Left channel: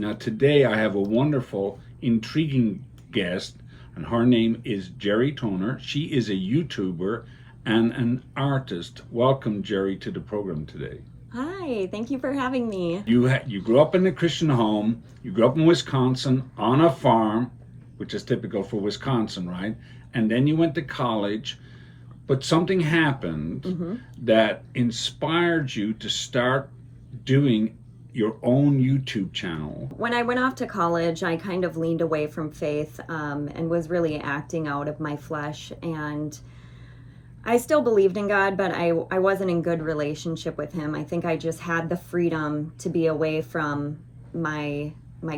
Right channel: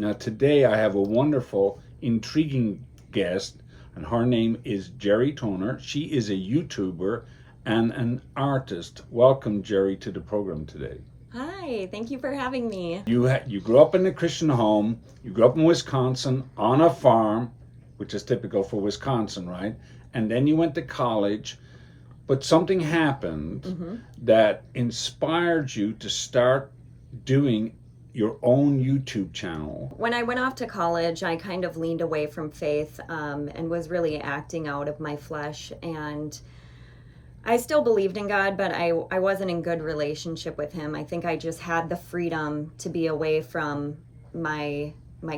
Now, today I have a wonderful, intriguing guest, and her name is Jerry Toner. She is a YouTuber and an artist. Welcome, Jerry, to the program today. Hi, thank you for having me. You grew up in a Christian home. You grew up in Wisconsin on a farm, which is typical for Wisconsin, right? And then you went to college, but something happened that inspired you to start doing your own YouTube channel. When I went off to college, I kind of leaned away from faith and was really acting out of my flesh. And I still believed in God, but I wasn't in good relationship with him. I think I just had the freedom to be away from my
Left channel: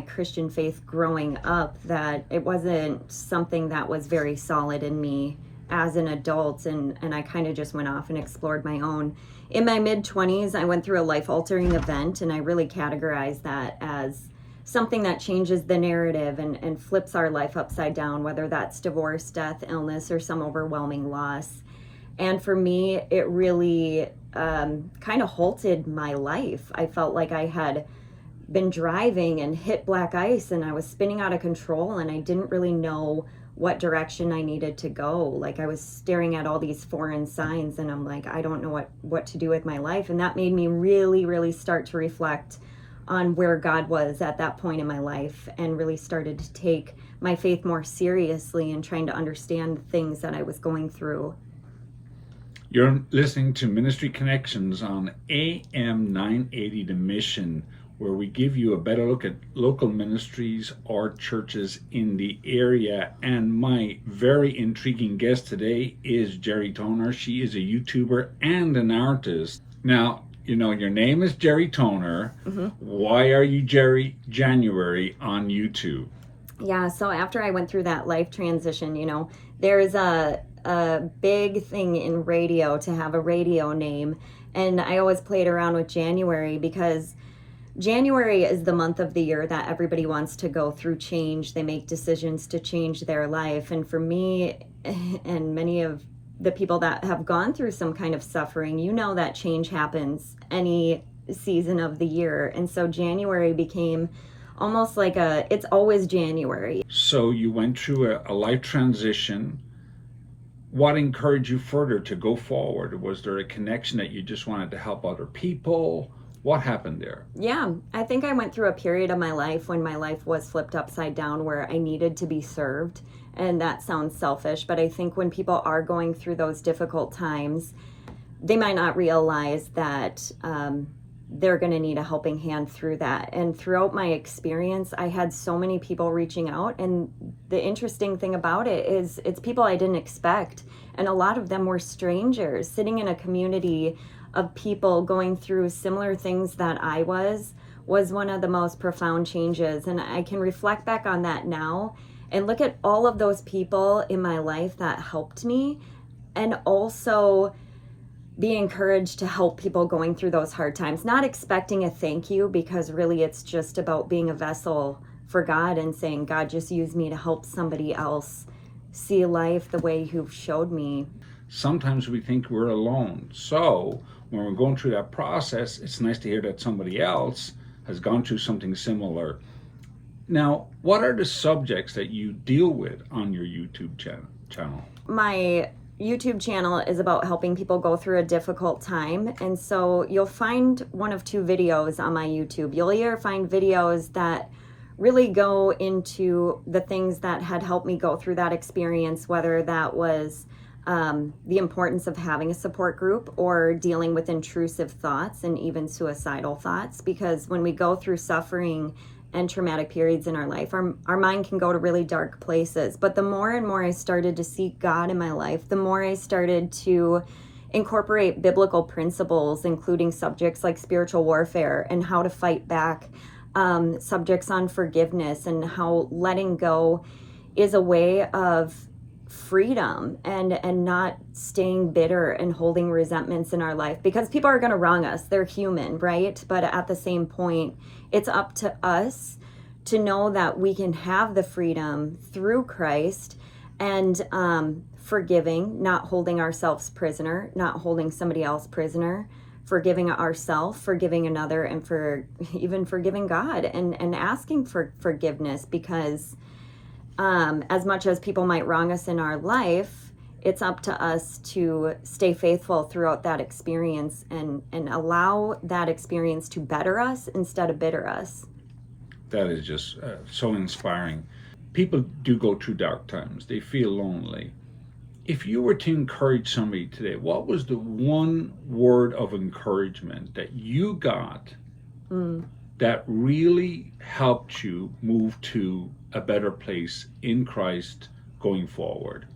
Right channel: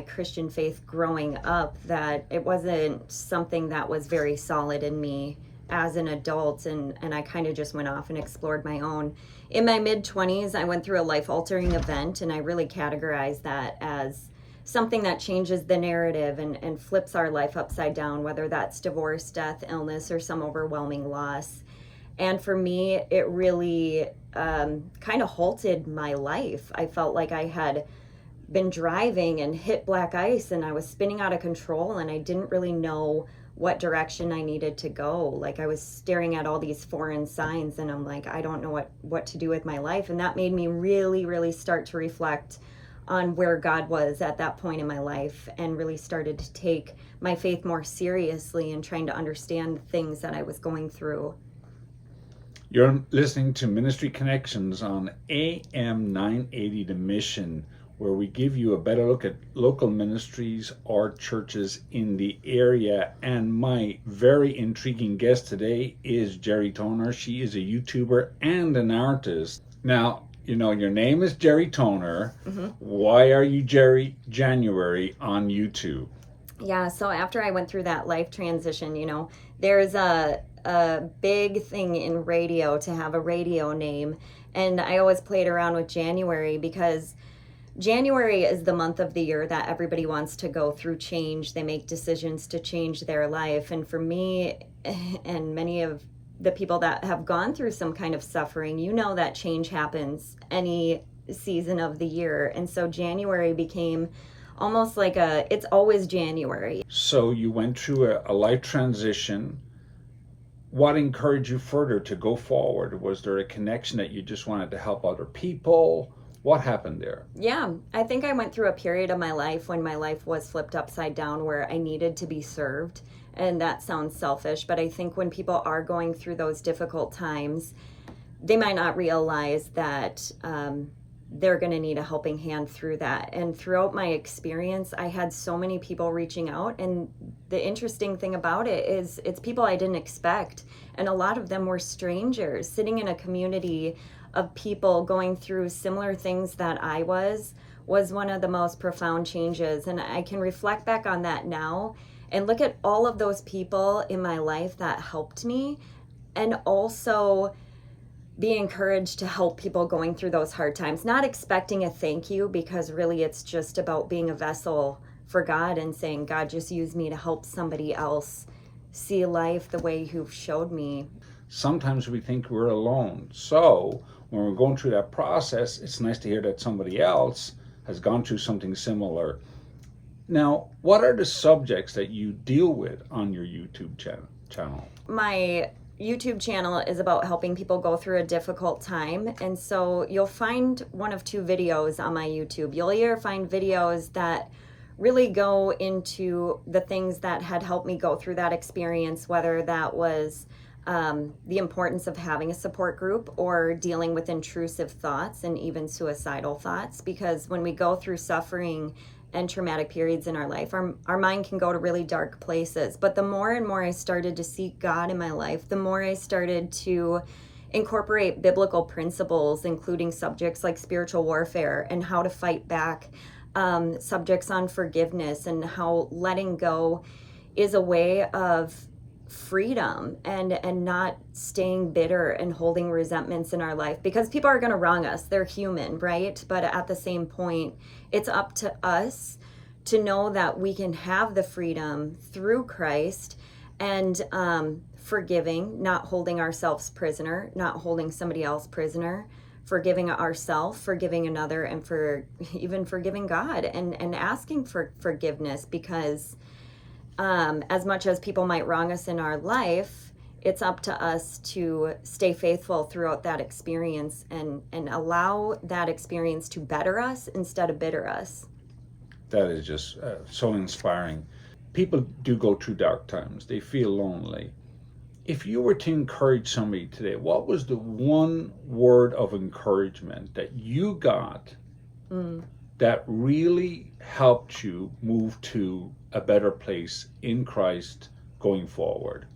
Christian faith growing up, that it wasn't something that was very solid in me as an adult, and I kind of just went off and explored my own. In my mid-20s, I went through a life-altering event, and I really categorized that as something that changes the narrative and flips our life upside down, whether that's divorce, death, illness, or some overwhelming loss. And for me, it really kind of halted my life. I felt like I had been driving and hit black ice, and I was spinning out of control, and I didn't really know what direction I needed to go. Like, I was staring at all these foreign signs, and I'm like, I don't know what to do with my life. And that made me really, really start to reflect on where God was at that point in my life, and really started to take my faith more seriously and trying to understand the things that I was going through. You're listening to Ministry Connections on AM980 The Mission, where we give you a better look at local ministries or churches in the area. And my very intriguing guest today is Jerry Toner. She is a YouTuber and an artist. Now, you know, your name is Jerry Toner. Why are you Jerry January on YouTube? Yeah, so after I went through that life transition, there's a big thing in radio to have a radio name. And I always played around with January because January is the month of the year that everybody wants to go through change. They make decisions to change their life. And for me and many of the people that have gone through some kind of suffering, that change happens any season of the year. And so January became almost like it's always January. So you went through a life transition. What encouraged you further to go forward? Was there a connection that you just wanted to help other people? What happened there? Yeah, I think I went through a period of my life when my life was flipped upside down, where I needed to be served. And that sounds selfish, but I think when people are going through those difficult times, they might not realize that they're going to need a helping hand through that. And throughout my experience, I had so many people reaching out. And the interesting thing about it is it's people I didn't expect. And a lot of them were strangers sitting in a community of people going through similar things that I was one of the most profound changes. And I can reflect back on that now and look at all of those people in my life that helped me, and also be encouraged to help people going through those hard times, not expecting a thank you, because really it's just about being a vessel for God and saying, God, just use me to help somebody else see life the way you've showed me. Sometimes we think we're alone. So when we're going through that process, it's nice to hear that somebody else has gone through something similar. Now, what are the subjects that you deal with on your YouTube channel? My YouTube channel is about helping people go through a difficult time. And so you'll find one of two videos on my YouTube. You'll either find videos that really go into the things that had helped me go through that experience, whether that was the importance of having a support group or dealing with intrusive thoughts and even suicidal thoughts. Because when we go through suffering and traumatic periods in our life, our mind can go to really dark places. But the more and more I started to seek God in my life, the more I started to incorporate biblical principles, including subjects like spiritual warfare and how to fight back, subjects on forgiveness, and how letting go is a way of freedom and not staying bitter and holding resentments in our life, because people are going to wrong us. They're human, right? But at the same point, it's up to us to know that we can have the freedom through Christ and forgiving, not holding ourselves prisoner, not holding somebody else prisoner, forgiving ourselves, forgiving another, and for even forgiving God, and asking for forgiveness, because as much as people might wrong us in our life, it's up to us to stay faithful throughout that experience and allow that experience to better us instead of bitter us. That is just so inspiring. People do go through dark times. They feel lonely. If you were to encourage somebody today, what was the one word of encouragement that you got that really helped you move to a better place in Christ going forward?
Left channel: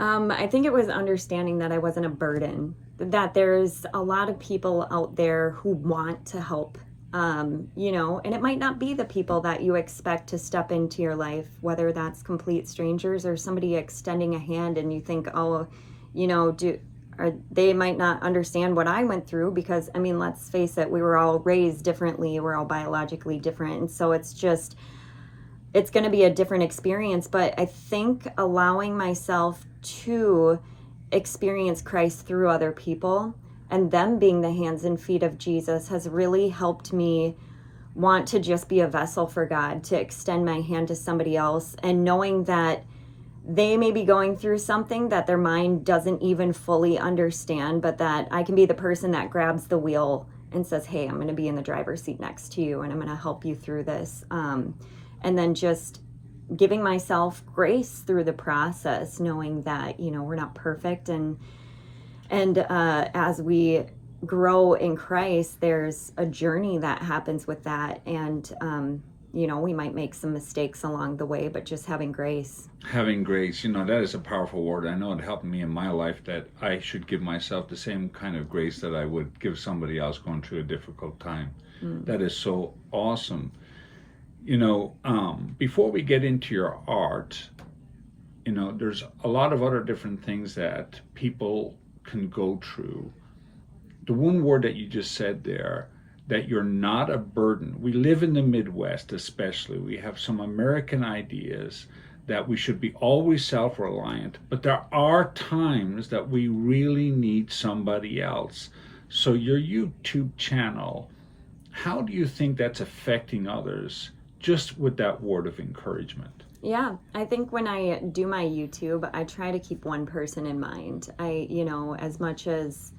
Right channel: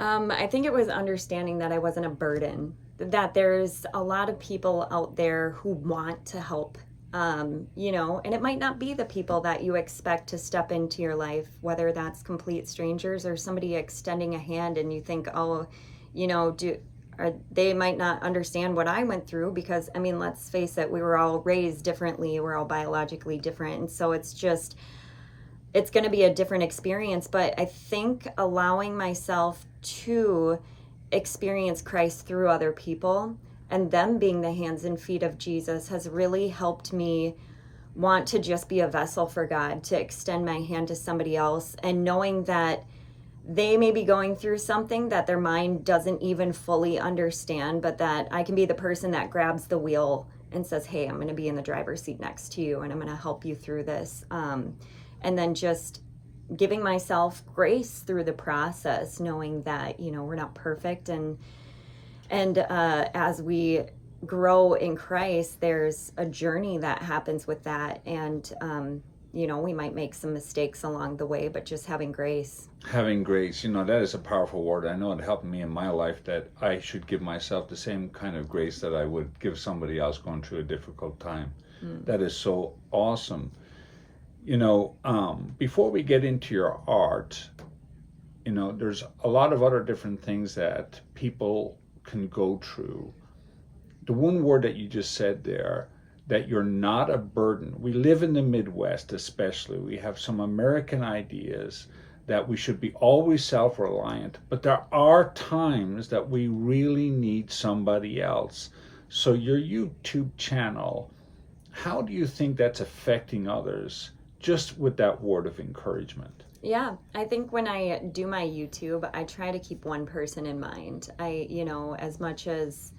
I think it was understanding that I wasn't a burden, that there's a lot of people out there who want to help, and it might not be the people that you expect to step into your life, whether that's complete strangers or somebody extending a hand and you think, oh, they might not understand what I went through, because, I mean, let's face it, we were all raised differently, we're all biologically different, and so it's going to be a different experience. But I think allowing myself to experience Christ through other people and them being the hands and feet of Jesus has really helped me want to just be a vessel for God, to extend my hand to somebody else, and knowing that they may be going through something that their mind doesn't even fully understand, but that I can be the person that grabs the wheel and says, hey, I'm going to be in the driver's seat next to you and I'm going to help you through this. And then just giving myself grace through the process, knowing that, we're not perfect. And as we grow in Christ, there's a journey that happens with that. And, we might make some mistakes along the way, but just having grace. Having grace, that is a powerful word. I know it helped me in my life, that I should give myself the same kind of grace that I would give somebody else going through a difficult time. That is so awesome. Before we get into your art, there's a lot of other different things that people can go through. The one word that you just said there, that you're not a burden. We live in the Midwest especially. We have some American ideas that we should be always self-reliant, but there are times that we really need somebody else. So your YouTube channel, how do you think that's affecting others, just with that word of encouragement? Yeah, I think when I do my YouTube, I try to keep one person in mind. As much as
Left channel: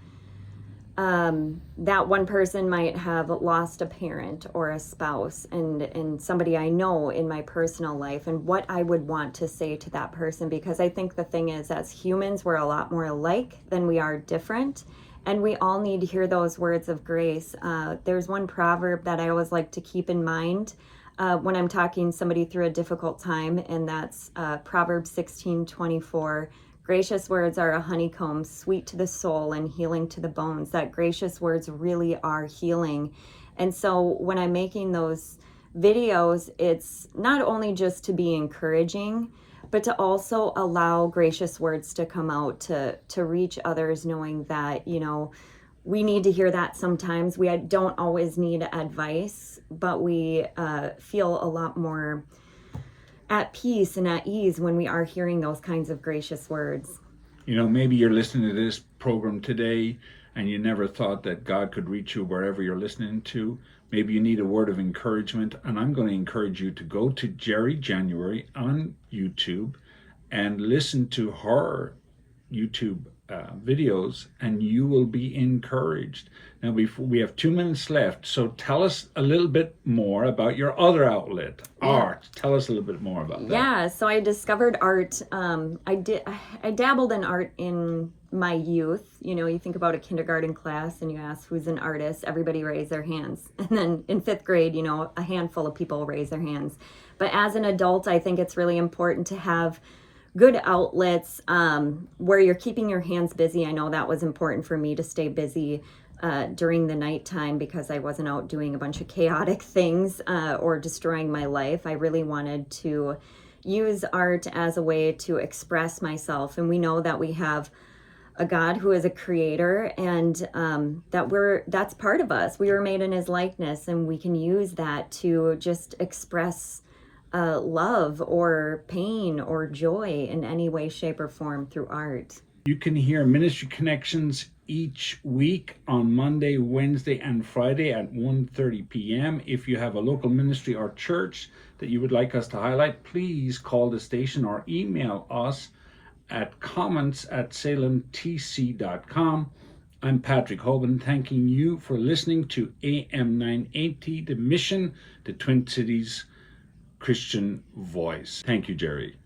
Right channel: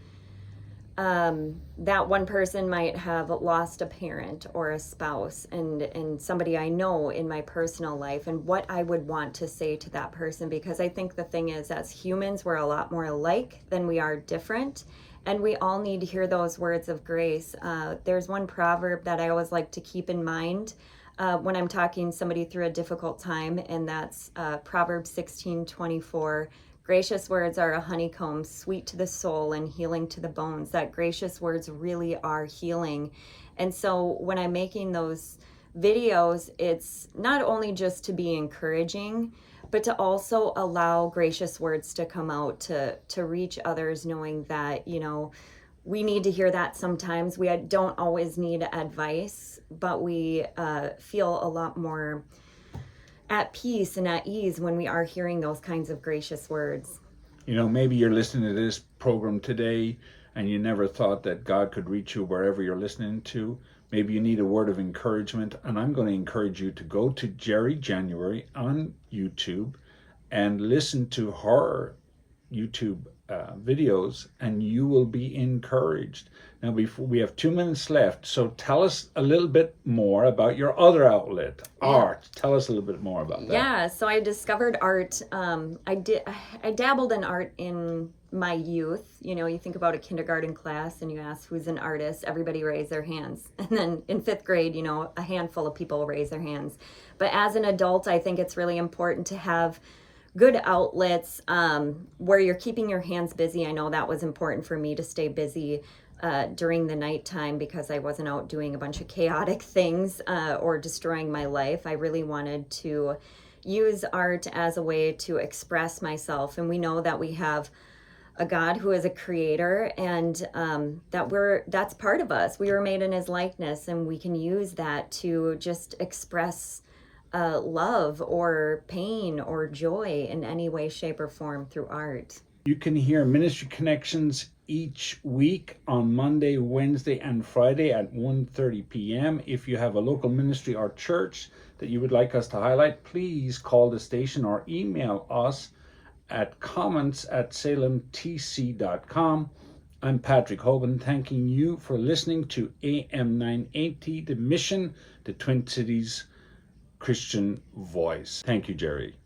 that one person might have lost a parent or a spouse, and somebody I know in my personal life, and what I would want to say to that person, because I think the thing is, as humans, we're a lot more alike than we are different. And we all need to hear those words of grace. There's one proverb that I always like to keep in mind when I'm talking somebody through a difficult time, and that's Proverbs 16:24. Gracious words are a honeycomb, sweet to the soul and healing to the bones. That gracious words really are healing. And so when I'm making those videos, it's not only just to be encouraging, but to also allow gracious words to come out, to reach others, knowing that, we need to hear that sometimes. We don't always need advice, but we feel a lot more at peace and at ease when we are hearing those kinds of gracious words. Maybe you're listening to this program today and you never thought that God could reach you wherever you're listening to. Maybe you need a word of encouragement, and I'm going to encourage you to go to Jerry January on YouTube and listen to her YouTube videos, and you will be encouraged. Now, we have 2 minutes left, so tell us a little bit more about your other outlet, art. Tell us a little bit more about that. Yeah, so I discovered art. I dabbled in art in my youth. You think about a kindergarten class and you ask who's an artist, everybody raise their hands. And then in 5th grade, a handful of people raise their hands. But as an adult, I think it's really important to have good outlets where you're keeping your hands busy. I know that was important for me to stay busy during the nighttime, because I wasn't out doing a bunch of chaotic things or destroying my life. I really wanted to use art as a way to express myself. And we know that we have a God who is a creator, and that's part of us. We were made in his likeness, and we can use that to just express love or pain or joy in any way, shape, or form through art. You can hear Ministry Connections each week on Monday, Wednesday, and Friday at 1:30 p.m. If you have a local ministry or church that you would like us to highlight, please call the station or email us at comments@salemtc.com. I'm Patrick Hoban, thanking you for listening to AM980 The Mission, the Twin Cities Christian Voice. Thank you, Jerry.